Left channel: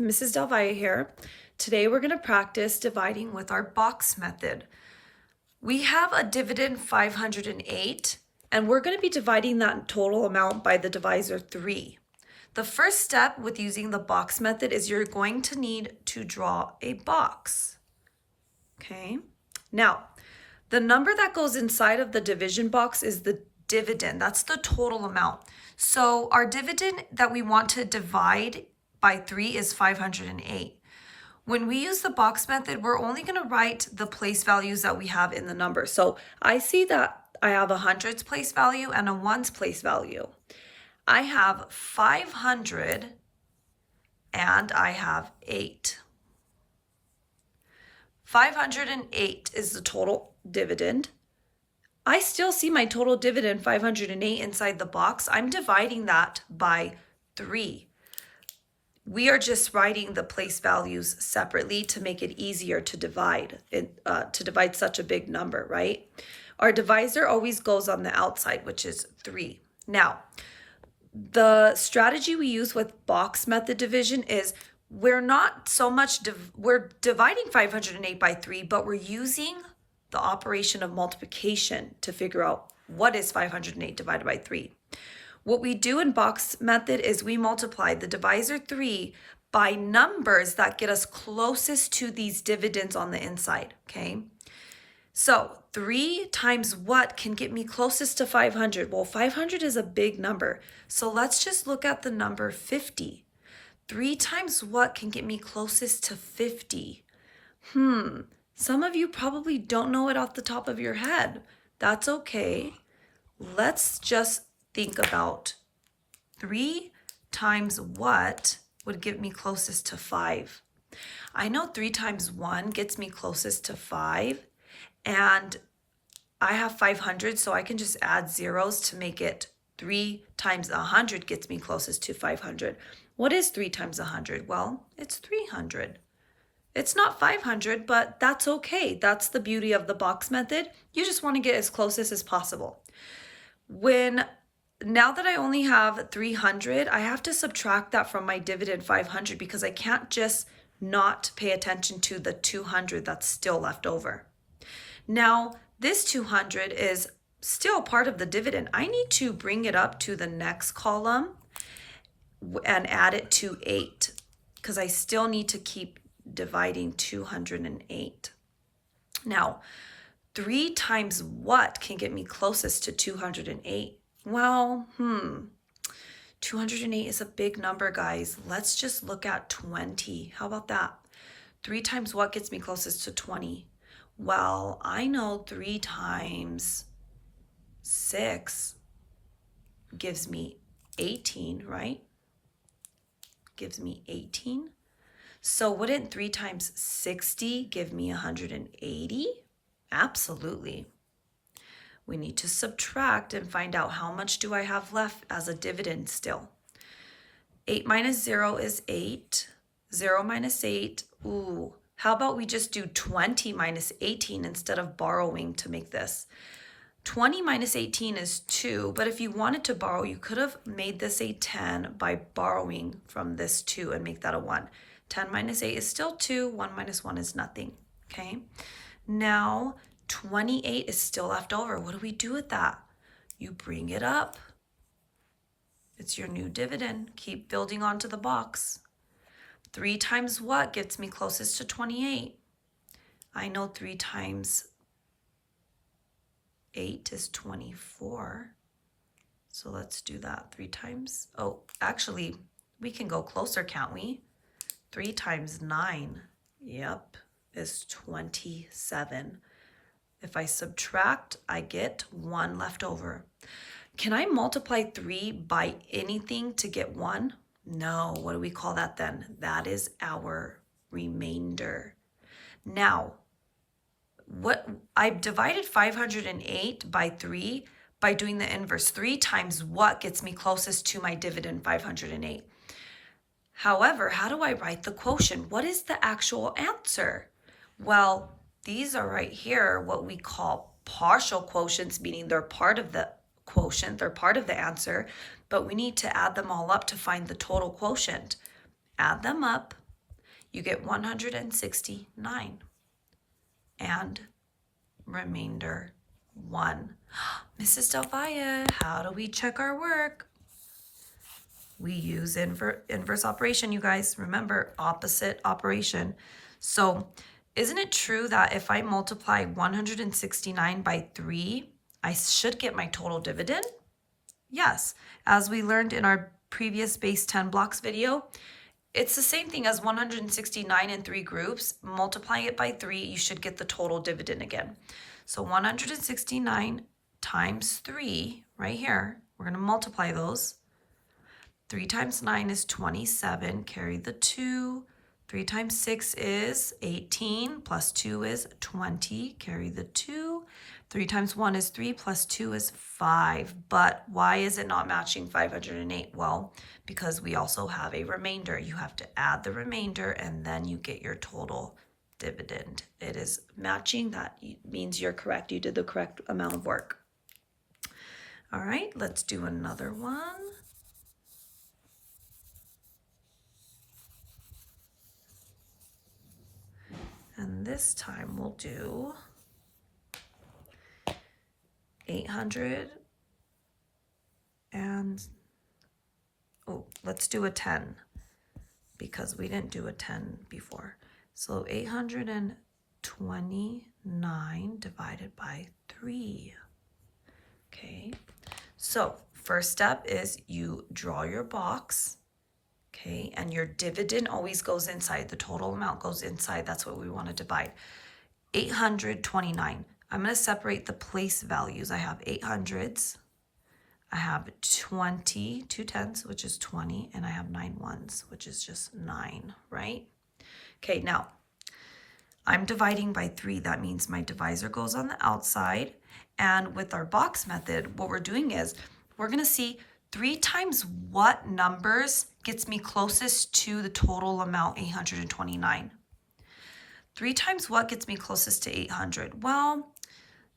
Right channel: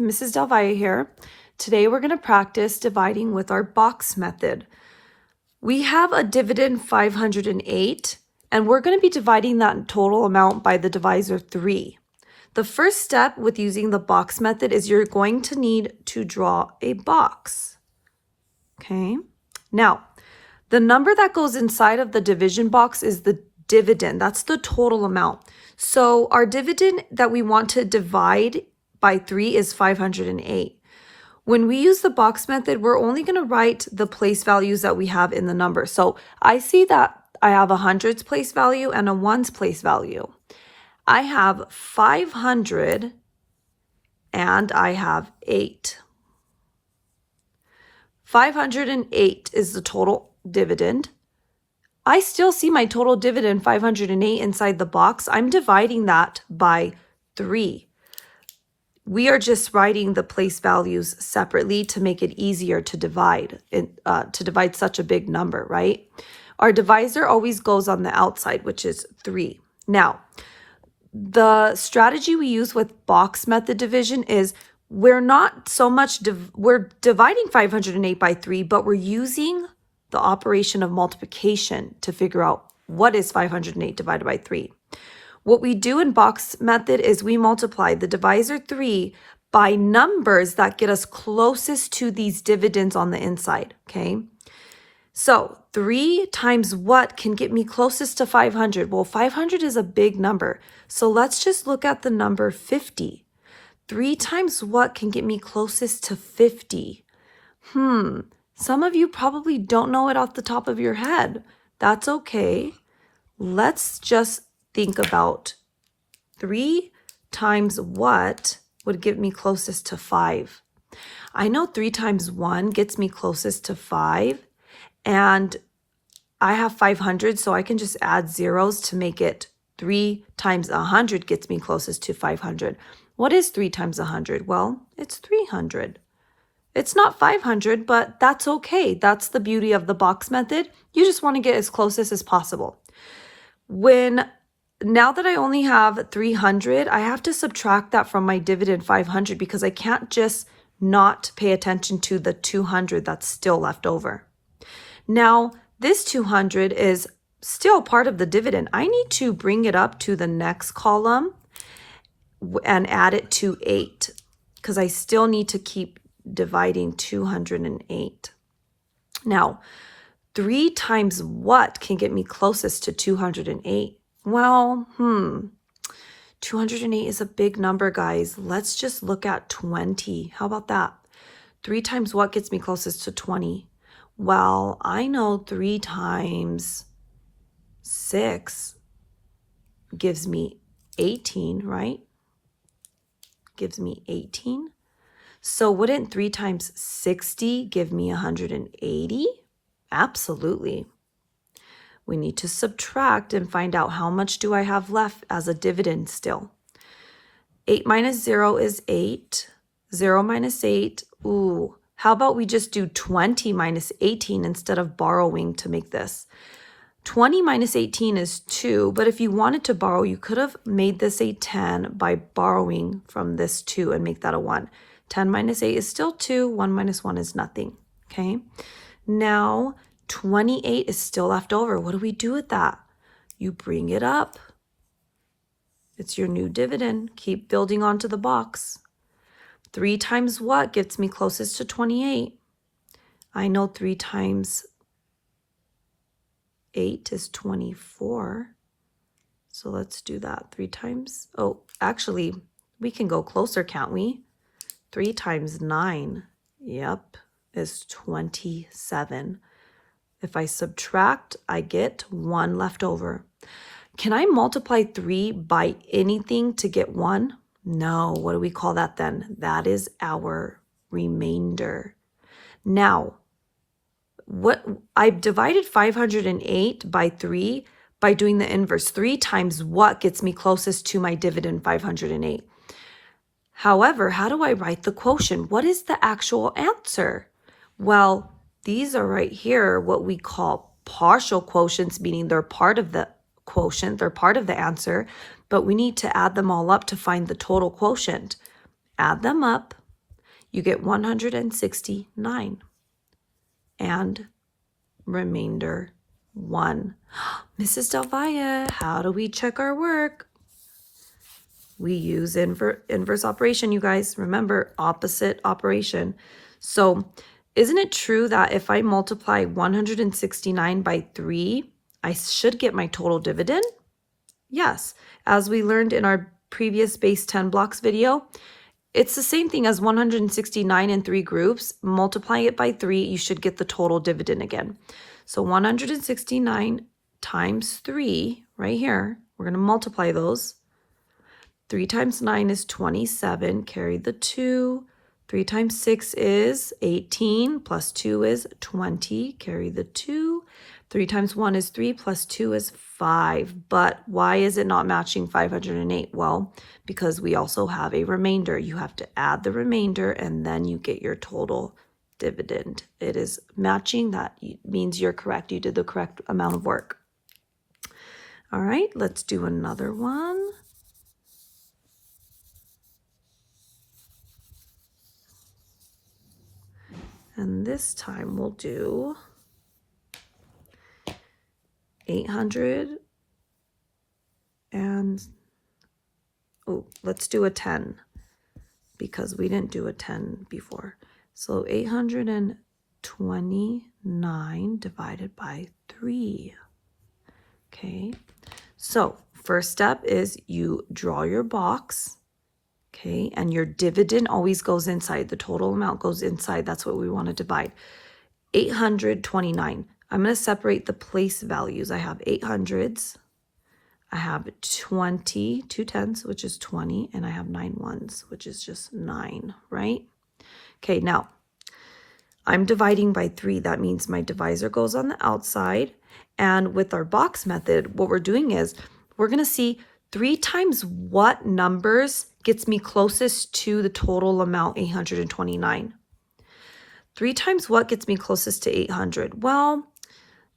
Mrs. Del Valle here. Today we're going to practice dividing with our box method. We have a dividend 508 and we're going to be dividing that total amount by the divisor 3. The first step with using the box method is you're going to need to draw a box. Okay, now the number that goes inside of the division box is the dividend. That's the total amount. So our dividend that we want to divide by 3 is 508. When we use the box method, we're only going to write the place values that we have in the number. So I see that I have a hundreds place value and a ones place value. I have 500 and I have 8. 508 is the total dividend. I still see my total dividend 508 inside the box. I'm dividing that by 3. We are just writing the place values separately to make it easier to divide such a big number, right? Our divisor always goes on the outside, which is 3. Now, the strategy we use with box method division is we're not so much, we're dividing 508 by 3, but we're using the operation of multiplication to figure out what is 508 divided by 3. What we do in box method is we multiply the divisor 3 by numbers that get us closest to these dividends on the inside, okay? So 3 times what can get me closest to 500? Well, 500 is a big number. So let's just look at the number 50. 3 times what can get me closest to 50? Some of you probably don't know it off the top of your head. That's okay. Let's just think about 3 times what would get me closest to 5. I know 3 times 1 gets me closest to 5, and I have 500, so I can just add zeros to make it 3 times 100 gets me closest to 500. What is 3 times 100? Well, it's 300. It's not 500, but that's okay. That's the beauty of the box method. You just want to get as close as possible. Now that I only have 300, I have to subtract that from my dividend 500 because I can't just not pay attention to the 200 that's still left over. Now, this 200 is still part of the dividend. I need to bring it up to the next column and add it to 8 because I still need to keep dividing 208. Now, 3 times what can get me closest to 208? Well, 208 is a big number, guys. Let's just look at 20. How about that? 3 times what gets me closest to 20? Well, I know 3 times 6 gives me 18, right? Gives me 18. So wouldn't 3 times 60 give me 180? Absolutely. We need to subtract and find out how much do I have left as a dividend still. 8 minus 0 is 8. 0 minus 8, ooh. How about we just do 20 minus 18 instead of borrowing to make this? 20 minus 18 is 2, but if you wanted to borrow, you could have made this a 10 by borrowing from this 2 and make that a 1. 10 minus 8 is still 2. 1 minus 1 is nothing, okay? Now, 28 is still left over. What do we do with that? You bring it up. It's your new dividend. Keep building onto the box. 3 times what gets me closest to 28? I know 3 times 8 is 24. So let's do that. 3 times, oh, actually, we can go closer, can't we? 3 times 9, yep, is 27. If I subtract, I get 1 left over. Can I multiply 3 by anything to get 1? No. What do we call that then? That is our remainder. Now, I've divided 508 by 3 by doing the inverse. 3 times what gets me closest to my dividend 508? However, how do I write the quotient? What is the actual answer? Well, these are right here what we call partial quotients, meaning they're part of the quotient, they're part of the answer, but we need to add them all up to find the total quotient. Add them up, you get 169 and remainder 1. Mrs. Del Valle, how do we check our work? We use inverse operation, you guys. Remember, opposite operation. So isn't it true that if I multiply 169 by 3, I should get my total dividend? Yes. As we learned in our previous base 10 blocks video, it's the same thing as 169 in 3 groups. Multiply it by 3, you should get the total dividend again. So 169 times 3, right here, we're going to multiply those. 3 times 9 is 27, carry the 2. 3 times 6 is 18, plus 2 is 20, carry the 2. 3 times 1 is 3, plus 2 is 5. But why is it not matching 508? Well, because we also have a remainder. You have to add the remainder, and then you get your total dividend. It is matching. That means you're correct. You did the correct amount of work. All right, let's do another one. And this time we'll do 800 and, oh, let's do a 10 because we didn't do a 10 before. So 829 divided by 3. Okay, so first step is you draw your box. Okay, and your dividend always goes inside. The total amount goes inside. That's what we want to divide. 829. I'm going to separate the place values. I have 800s. I have 20, 2 tens, which is 20, and I have 9 ones, which is just 9, right? Okay, now I'm dividing by 3. That means my divisor goes on the outside. And with our box method, what we're doing is we're going to see 3 times what numbers gets me closest to the total amount, 829. 3 times what gets me closest to 800? Well,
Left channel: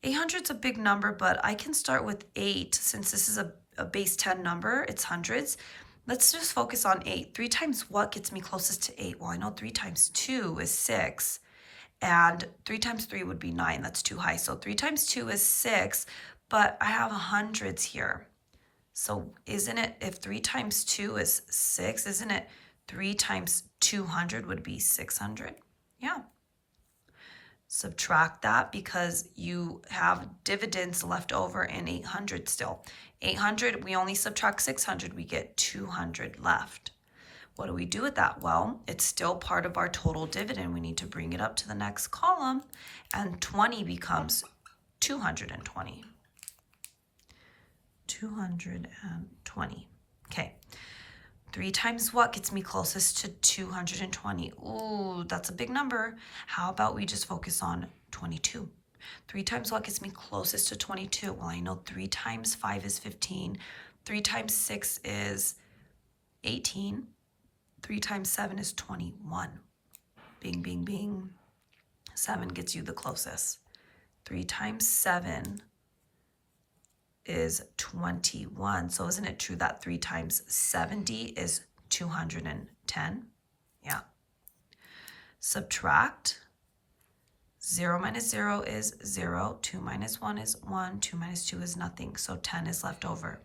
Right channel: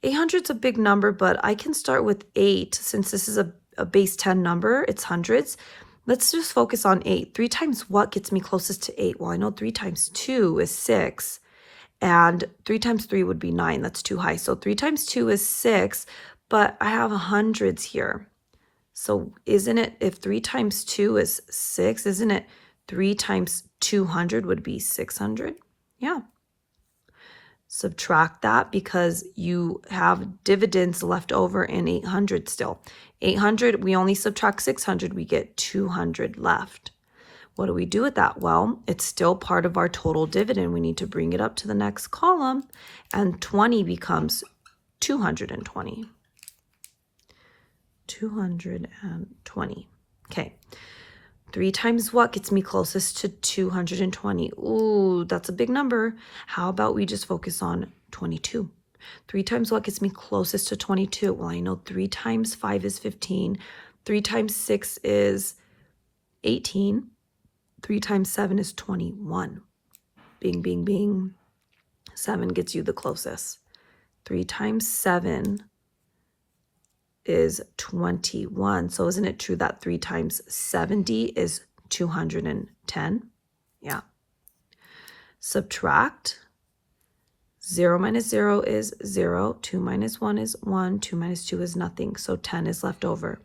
800 is a big number, but I can start with 8 since this is a base 10 number. It's hundreds. Let's just focus on 8. 3 times what gets me closest to 8? Well, I know 3 times 2 is 6, and 3 times 3 would be 9. That's too high. So 3 times 2 is 6, but I have hundreds here. So isn't it, if 3 times 2 is 6, isn't it 3 times 200 would be 600? Yeah. Subtract that because you have dividends left over in 800 still. 800, we only subtract 600, we get 200 left. What do we do with that? Well, it's still part of our total dividend. We need to bring it up to the next column, and 20 becomes 220. 220. Okay. 3 times what gets me closest to 220? Ooh, that's a big number. How about we just focus on 22? 3 times what gets me closest to 22? Well, I know 3 times 5 is 15. 3 times 6 is 18. 3 times 7 is 21. Bing, bing, bing. 7 gets you the closest. 3 times 7 is 21. So isn't it true that 3 times 70 is 210? Yeah. Subtract. 0 minus 0 is 0. 2 minus 1 is 1. 2 minus 2 is nothing. So 10 is left over.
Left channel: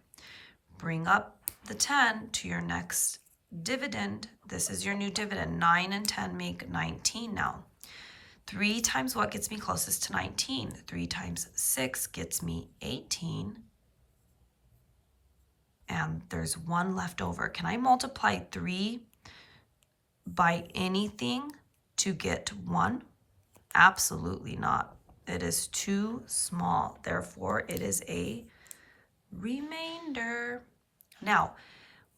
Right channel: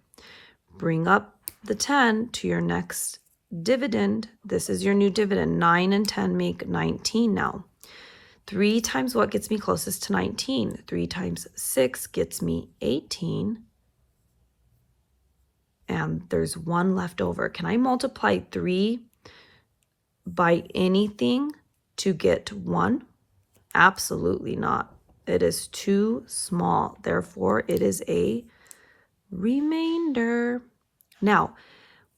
Bring up the 10 to your next dividend. This is your new dividend. 9 and 10 make 19 now. 3 times what gets me closest to 19? 3 times 6 gets me 18. And there's 1 left over. Can I multiply 3 by anything to get 1? Absolutely not. It is too small. Therefore, it is a remainder. Now,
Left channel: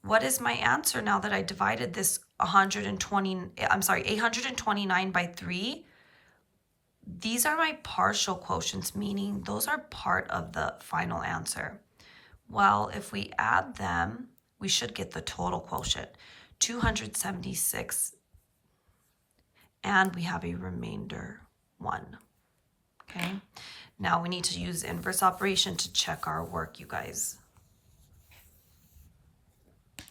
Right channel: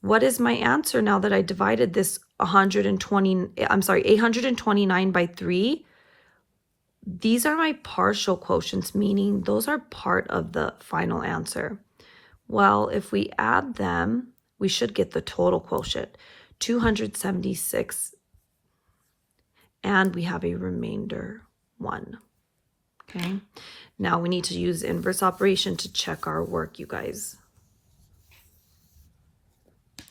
what is my answer now that I divided this 829 by 3? These are my partial quotients, meaning those are part of the final answer. Well, if we add them, we should get the total quotient, 276, and we have a remainder 1. Okay, now we need to use inverse operation to check our work, you guys.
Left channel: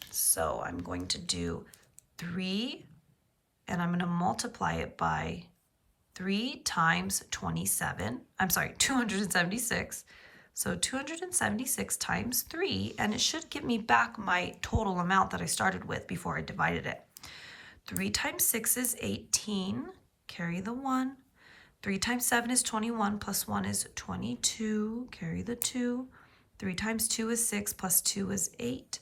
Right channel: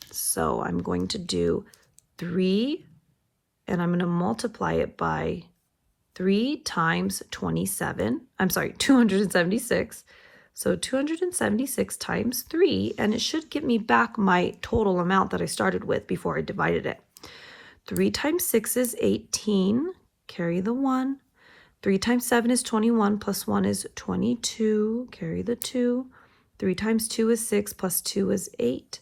So I'm going to do 3 and I'm going to multiply it by 3 times 27. I'm sorry, 276. So 276 times 3, and it should give me back my total amount that I started with before I divided it. 3 times 6 is 18. Carry the 1. 3 times 7 is 21, plus 1 is 22. Carry the 2. 3 times 2 is 6, plus 2 is 8.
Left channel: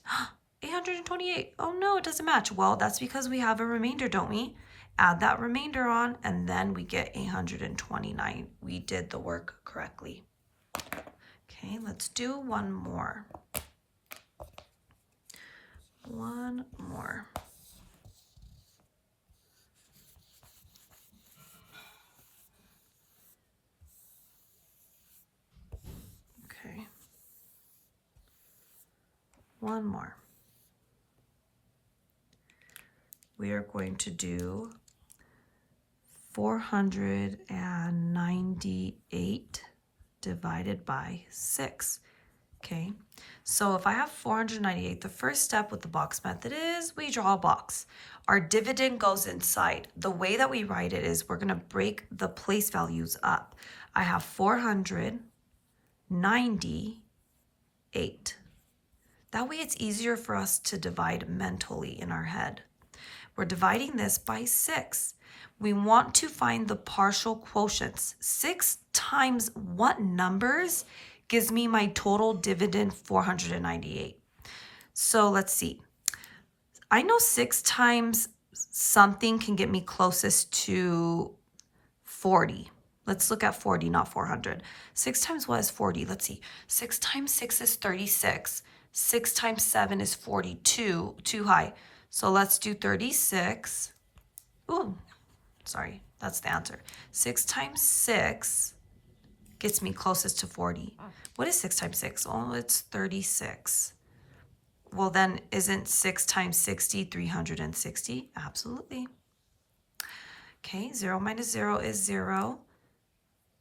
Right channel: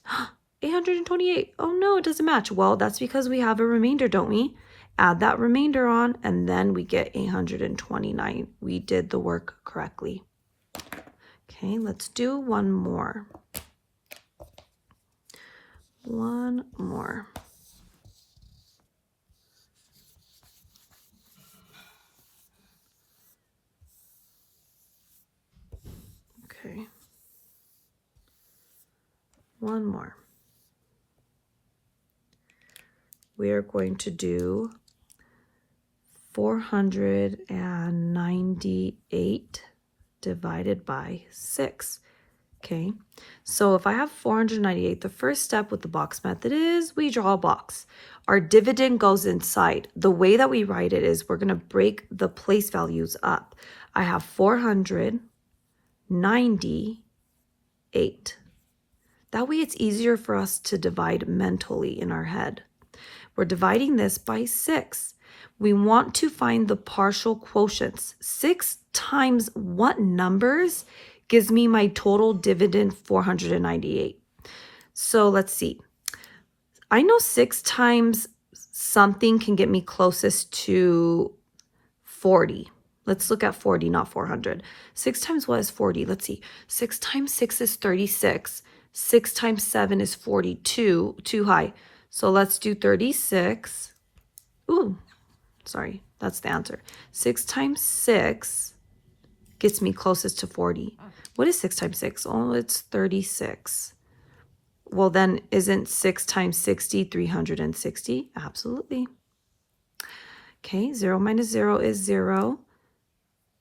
828. Oh no, it doesn't match. Well, that's because we have a remainder, don't we? Add that remainder on, and then we get 829. We did the work correctly. Okay, let's do one more. One more. Okay. One more. We are going to do 498 divided by 6. Okay, so if I have 498, the first step with the box method is we draw a box. Our dividend goes inside. The way that we write it is we're going to break the place values up. I have 498. That way it's easier for us to divide mentally in our head. We're dividing this by 6. We want to find the partial quotients. 6 times what numbers gives me my total dividend 498. So let's see. I know 6 times something can get me closest to 40. Let's look at 40, not 400. 6 times what is 40? Let's see. 6 times 6 is 36. 6 times 7 is 42. Too high. So let's do 36. Ooh, sorry. That's the answer. 6 times 6 gets me closest to 40. What is 6 times 6? Oh, it's 36. Well, then isn't 6 times 60 360? Absolutely. Okay, 0 minus 0 is 0.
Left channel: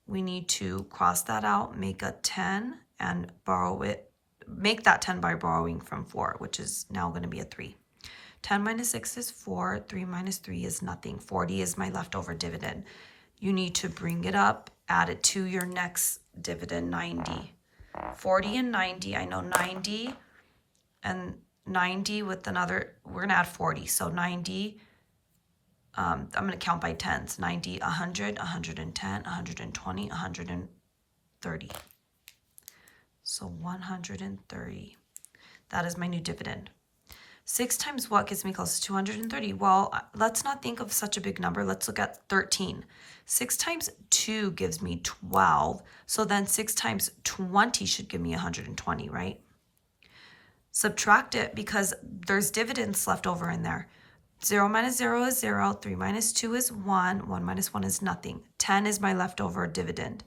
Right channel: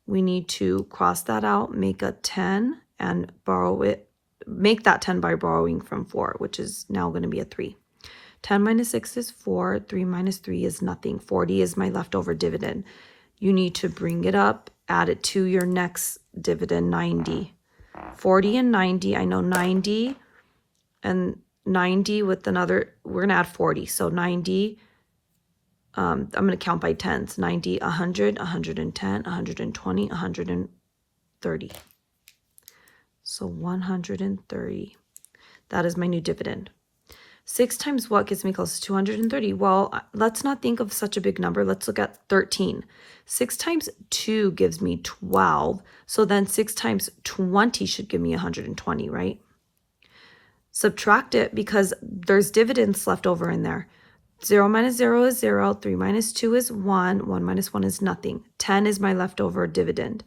We need to cross that out, make a 10, and borrow it. Make that 10 by borrowing from 4, which is now going to be a 3. 10 minus 6 is 4. 3 minus 3 is nothing. 40 is my leftover dividend. You need to bring it up, add it to your next dividend, 90. 40 and 90, I know 90 and 90 with another, we're going to add 40. So 90, I'm going to count by tens. 90, 100, 110, 120, 130. So 130. That is my new dividend. 6 times what gets me close to 230? Well, let's not think of such a big number. Let's look at 13. 6 times 2 gives me 12. So then 6 times 20 should give me 120, right? Subtract it because there's dividends left over in there. 0 minus 0 is 0. 3 minus 2 is 1. 1 minus 1 is nothing. 10 is my leftover dividend.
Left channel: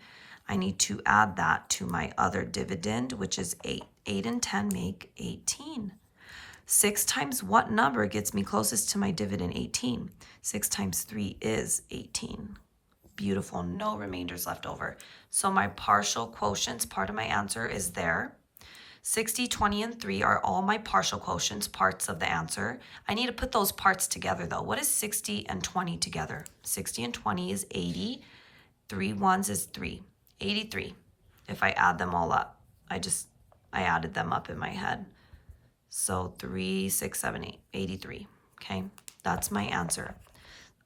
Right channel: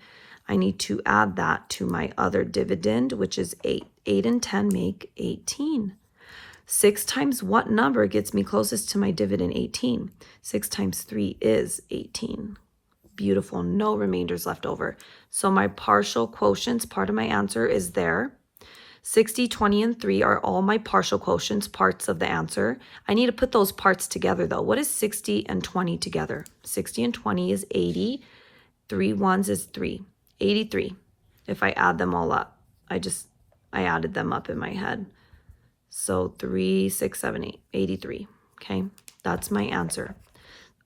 I need to add that to my other dividend, which is 8. 8 and 10 make 18. 6 times what number gets me closest to my dividend? 18. 6 times 3 is 18. Beautiful. No remainders left over. So my partial quotients, part of my answer, is there. 60, 20, and 3 are all my partial quotients, parts of the answer. I need to put those parts together, though. What is 60 and 20 together? 60 and 20 is 80. 3 ones is 3. 83. If I add them all up, I added them up in my head. So 3, 6, 7, 8, 83. Okay, that's my answer.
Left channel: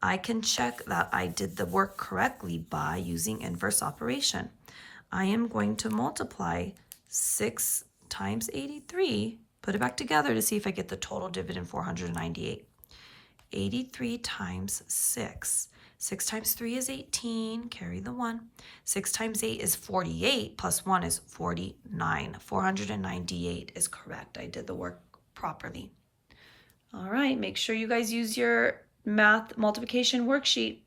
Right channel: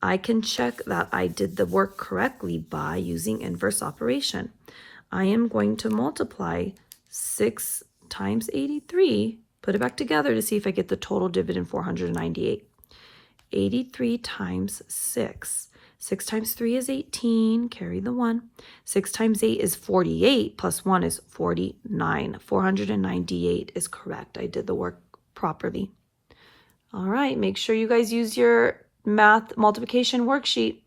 I can check that I did the work correctly by using inverse operation. I am going to multiply 6 times 83, put it back together to see if I get the total dividend 498. 83 times 6. 6 times 3 is 18, carry the 1. 6 times 8 is 48, plus 1 is 49. 498 is correct. I did the work properly. All right, make sure you guys use your math multiplication worksheet.